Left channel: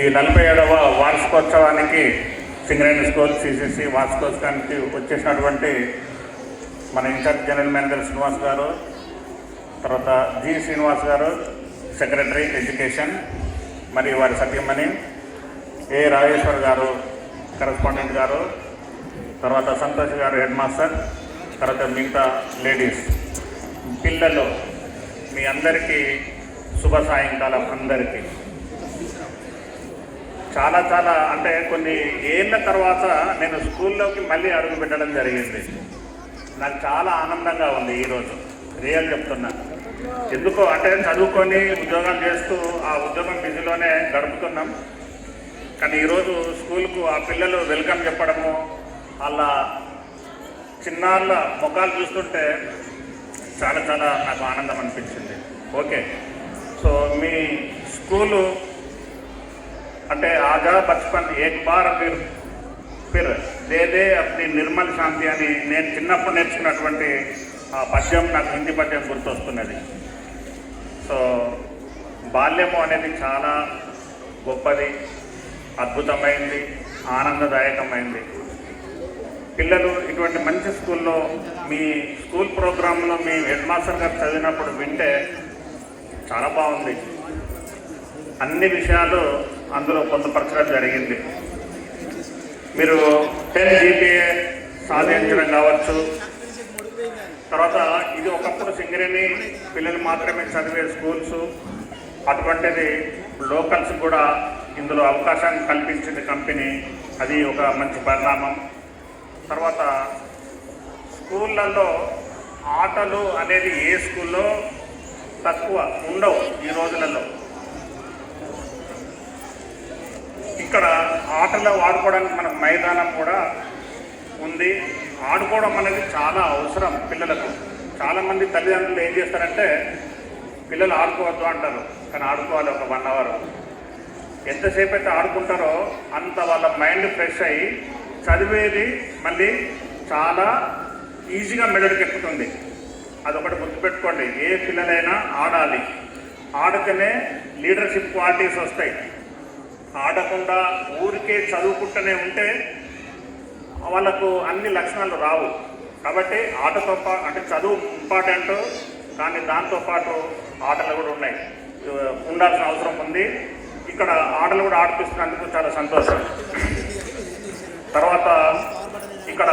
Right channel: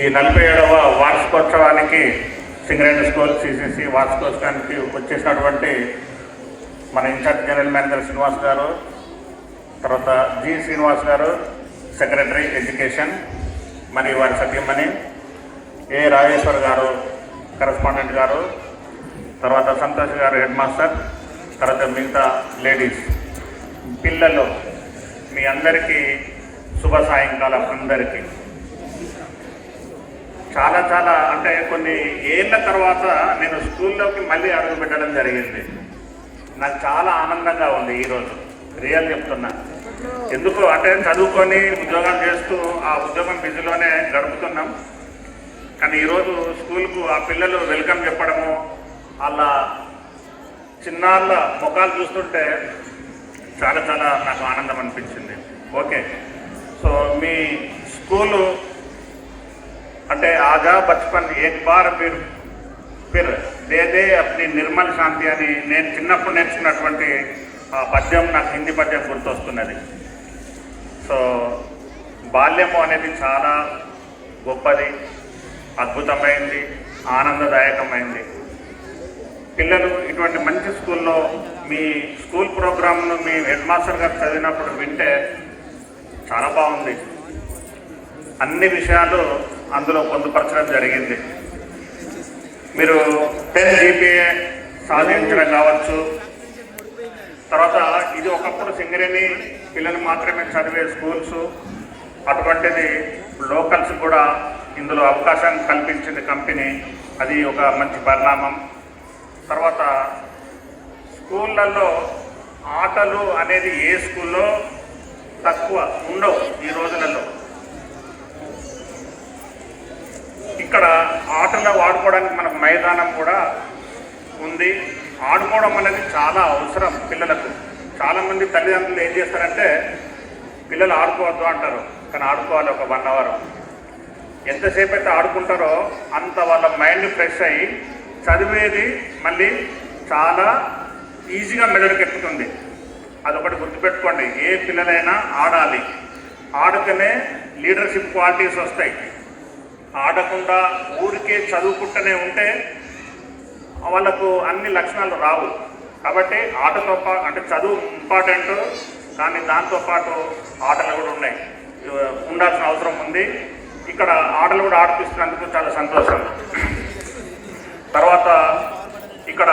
ఈ 47వ వార్షికోత్సవానికి Singareni school CCC వార్షికోత్సవానికి వచ్చేసినటువంటి మన ఇన్ఛార్జ్ జనరల్ మేనేజర్ శ్రీనివాస్ గారు, తర్వాత జి శ్రీనివాస్ గారు సెక్రటరీ ఎడ్యుకేషన్, మరియు వారి సతీమణి ఏ రాజేశ్వర్ గారు కరెస్పాండెంట్ గారు, తర్వాత సంతోష్ గారు హెడ్ మాస్టర్, తర్వాత మిగతా లేడీస్, పిల్లలు, మీ అందరికీ శుభ సాయంకాలం. అందరికీ చాలా చాలా అంటే కొన్ని ఏళ్ళ తర్వాత నేను స్కూల్లోకి మళ్ళీ అడుగు పెట్టడం జరిగింది. నాకు చాలా ఆనందంగా ఉంది ఈరోజు, రియల్ చెప్తున్నా. ఎందుకో అంటే చదువుకొని ఉద్యోగాలు చేస్తూ ఆ ఉద్యోగం బిజీలోనే గడుపుతున్నాం. కానీ ఈరోజు స్కూల్కు ఆ పిల్లలు వెల్కమ్ చెప్పడము, అలా చిన్నాళ్ళ ముఖాలు చూస్తుంటే చాలా చాలా నాకు ఆనందం అనిపించింది. ఓకే, సో మీ స్కూలు అంటే ఆజా బచ్పన్ ఏక్ bar Phir they they అప్ని Nirmal శాంతి అని నేను చిన్నప్పుడు నేర్చుకున్నటువంటి ఆ పద్యం నాకు హిందీ పద్యం గుర్తొస్తున్నది. సో బాల్యము అనేది చాలా గొప్పది, అద్భుతమైంది, ఆనందదాయకమైంది. పిల్లలు ఇటువంటి మంచి స్కూల్లో మీ స్కూల్ ప్రోగ్రాంను మీ హెడ్ మాస్టర్ గారు చదివినప్పుడు వింటే చాలా బాగుంది. అన్ని విషయాలు అందులో పొందుపరచడం జరిగింది. మీరు 10 GPA సాధించడం కావచ్చు. తర్వాత ఇది ఒకప్పుడు సింగరేణి పిల్లలు మాత్రమే చదివే స్కూల్స్, అటువంటిది లోకల్స్ కూడా ఇందులో అవకాశం కల్పించింది కంపెనీ. అది ఒక మంచి పరిణామం. తర్వాత స్కూళ్ళల్లో ఆటలు అనేది ఏ స్కూల్లో తక్కువ ఉండవు ఈ రోజులలో. ఇక్కడ ఆటలు ఆడుకోవడానికి మనకు మైదానం కూడా ఉంది. ఆడుకోవడం అనేది చాలా అవసరం పిల్లలకు. చాలామంది తల్లిదండ్రులు ఏం చేస్తారంటే పిల్లలు ఆడుకోవద్దు అంటారు, కానీ ఆడుకోవాలి ఒక 1 అవర్. ఎంతసేపు అయితే ఆడుకుంటారో అంత వాళ్ళ మైండ్ ఫ్రెష్ అయ్యి చదివేది మళ్ళీ చాలా ఈజీగా మెదడుకి ఎక్కుతుంది. అదొకటి గుర్తుపెట్టుకోండి, ఏ పిల్లలైనా ఆడాలి. ఆడితేనే లీడర్షిప్ క్వాలిటీస్ వస్తాయి. ఆడకుండా ఊరికే చదువుకుంటూనే ఉంటే వాళ్ళకు అన్ని లక్షణాలు రావు. కాబట్టి ఆటతో అంటే చదువు ఇంపార్టెంట్, కానీ దాంతోపాటు ఆటలు కూడా ఉన్నాయి, ఉండాల్సిన అవసరం ఉంది. ఇక్కడ ఆటలు కూడా ఆడిపిస్తున్నందుకు చాలా సంతోషం. తర్వాత ఇక్కడ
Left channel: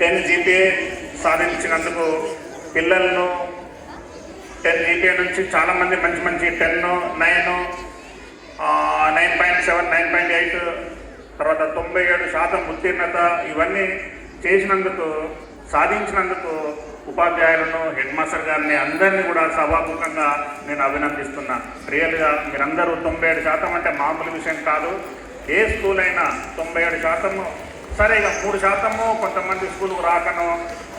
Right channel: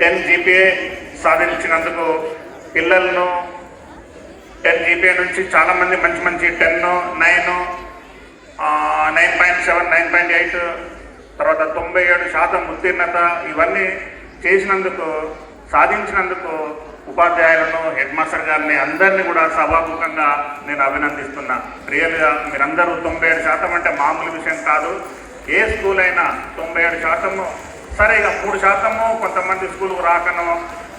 10 GPA సాధించినందుకు పిల్లలను 10 GPA నుంచి చాలామంది మంచి మంచి 10, 9, 9.7, 9.8, తర్వాత 97% ఉత్తీర్ణత, ఇవన్నీ చేసినందుకు సాధించినందుకు ఉపాధ్యాయులను, హెడ్ మాస్టర్ గారిని అందరినీ కూడా సభాముఖంగా నేను అభినందిస్తున్నా. రియల్గా మీరందరూ 97% అంటే మామూలు విషయం కాదు. ఏ స్కూల్ అయినా 97%, సరే ఇక 3% కొంతమంది స్కూల్కు రాకనో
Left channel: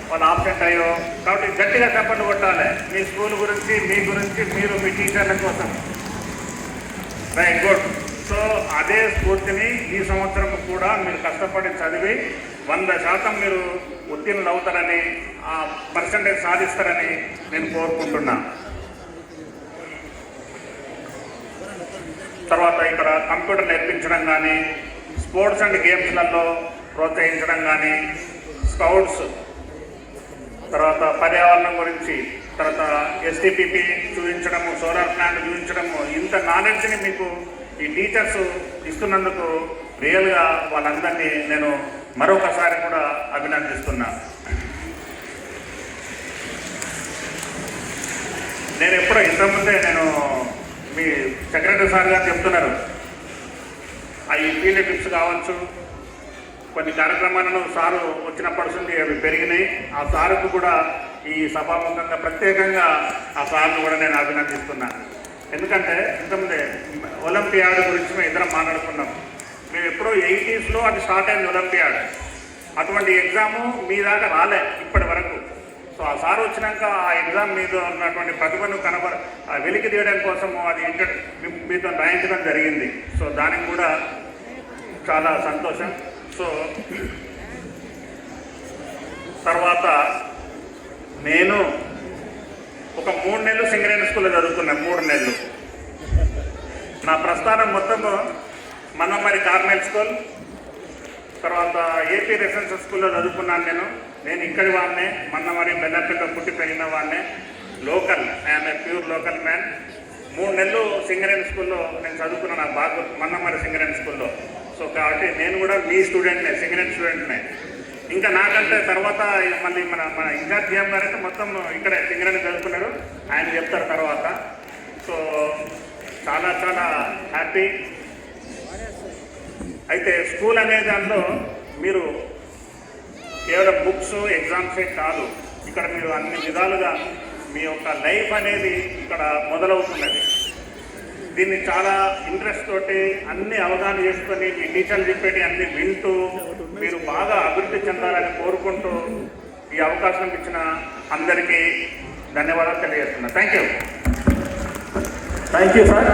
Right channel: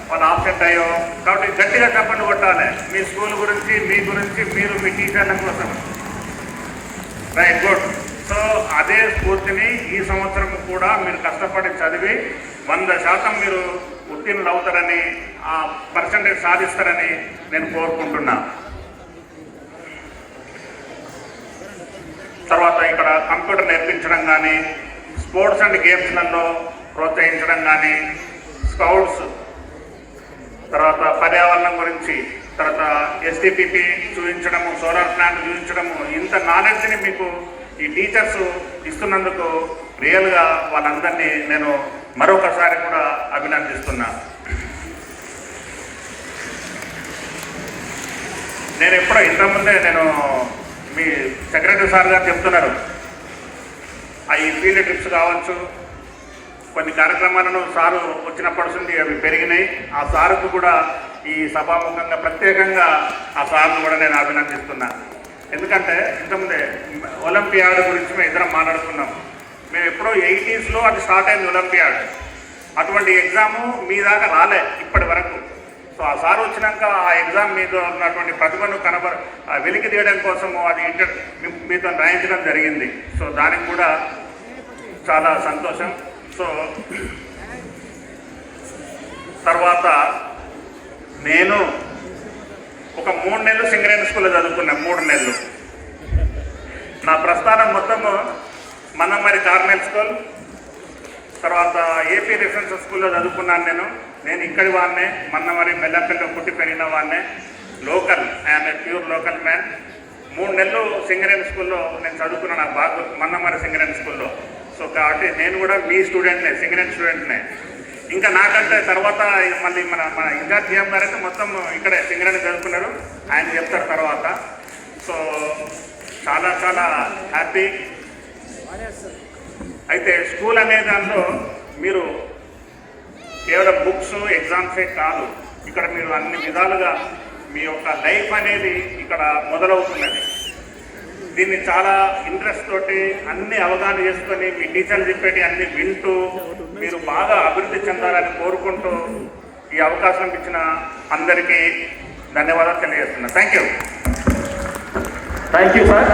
వాళ్ళు ఆబ్సెంట్ అయ్యో. కాబట్టి గట్టిగా చప్పట్లు కొట్టాలి మీ స్కూల్ గురించి, మీ గురించి, మీరు మీ టీచర్ల కోసం. Right, good. సో అదే స్ఫూర్తిని ఈ సంవత్సరం కూడా మీరు కష్టపడి చదివి 100% మీరు ఉత్తీర్ణులు అవుతారని, ఆ పర్సంటేజ్ సాధిస్తారని నేను కోరుకుంటున్నాను. తర్వాత ఇక్కడ కంప్యూటర్ నేర్పించడం కానీ, స్పోర్ట్స్ అండ్ గేమ్స్లలో ప్రోత్సహించడం కానీ, స్కౌట్స్, తర్వాత పర్యావరణం గురించి, తర్వాత STPP చూపించడము, సోలార్ ప్లాంట్ చూపించడము, ఇంత నాలెడ్జ్ని మీకు ఈ టీచర్స్ ఇస్తున్నందుకు రియల్గా వాళ్ళందరినీ నేను మరొకసారి కూడా అభినందిస్తున్నా. నేను ఎప్పుడో ఇంతకుముందే నేను మీ సెక్రటరీ సార్ గారు చెప్తున్నాను, ఈ ఫీల్డ్ ట్రిప్స్ కావచ్చు, కొన్ని కార్యక్రమాలను సారు వచ్చినప్పటి నుంచి అవి పెరిగినాయి. ఆ సారుకు కూడా ఈ సభాముఖంగా ప్రత్యేకంగా ఆ సార్ను కూడా నేను అభినందిస్తున్నాను. ఎందుకంటే ఇంతకుముందే ఒలింపియాడ్ గురించి మేము ఇద్దరం మాట్లాడుకున్నాం. మేము ఎప్పుడో 80sలో అది స్టార్ట్ అయింది ఒలింపియాడ్. అటువంటి ఎగ్జాము మీ దాకా రాలే ఇప్పటి వరకు. సో ఆ సార్ వచ్చినాక ఆ ఎగ్జామ్ మీద ఉన్నటువంటి ప్రతిభను వెలికి తీయడం కోసము అది మీతో రాయించడం జరిగింది. సో దానికి కూడా చాలా సంతోషం. సో తర్వాత నేను ఒక 3 నెలలు సింగరేణి స్కూల్లో చదువుకున్నాను. 3 నెలలు నా సంస్థానం మొత్తము మన్నమరి కార్నల్ స్కూల్, తర్వాత ఏపీ రెసిడెన్షియల్ స్కూల్లో చదువుకున్నాను. నేను ఇక్కడి వాడినే, మన్నమరి బెల్లంపల్లిలో పుట్టి పెరిగిన వాడినే, local, I'm a pure local man. 3 నెలలు సింగరేణి స్కూల్లో నేను చదువుకున్నాను, నా బాగా మన్నమరి సింగరేణి స్కూల్లో. సో కాబట్టి నేను కూడా మీ స్టూడెంట్నే, సింగరేణి స్టూడెంట్నే. ఇంకా నాకంటే తర్వాత మళ్ళీ మన ఇన్ఛార్జ్ జీఎం గారు అయితే మొత్తం ఇక్కడే సింగరేణి చదువుకున్నారు, ఆయన చెప్తారు తర్వాత. సో చాలా చాలా హ్యాపీ. అయితే స్కూల్ అనే దాంట్లో మీరు కేవలం బుక్స్ ఎగ్జామ్సే కాదు, ఇక్కడ మీరు అన్ని విధాలుగా మీ యొక్క లైఫ్ అనేది ఇక్కడ మొదలవుతున్నది. దీన్ని చాలా ఇంట్రెస్ట్ తోటి అన్ని అవగాహన చేసుకొని మీ టీచర్లు చెప్పేటి అన్ని వింటూ మీరు బాగా అభివృద్ధి చెందాలని కోరుకుంటూ ఈ అవకాశం ఇచ్చిన అందరికీ ధన్యవాదాలు తెలియజేస్తున్నాను. Thank you sir.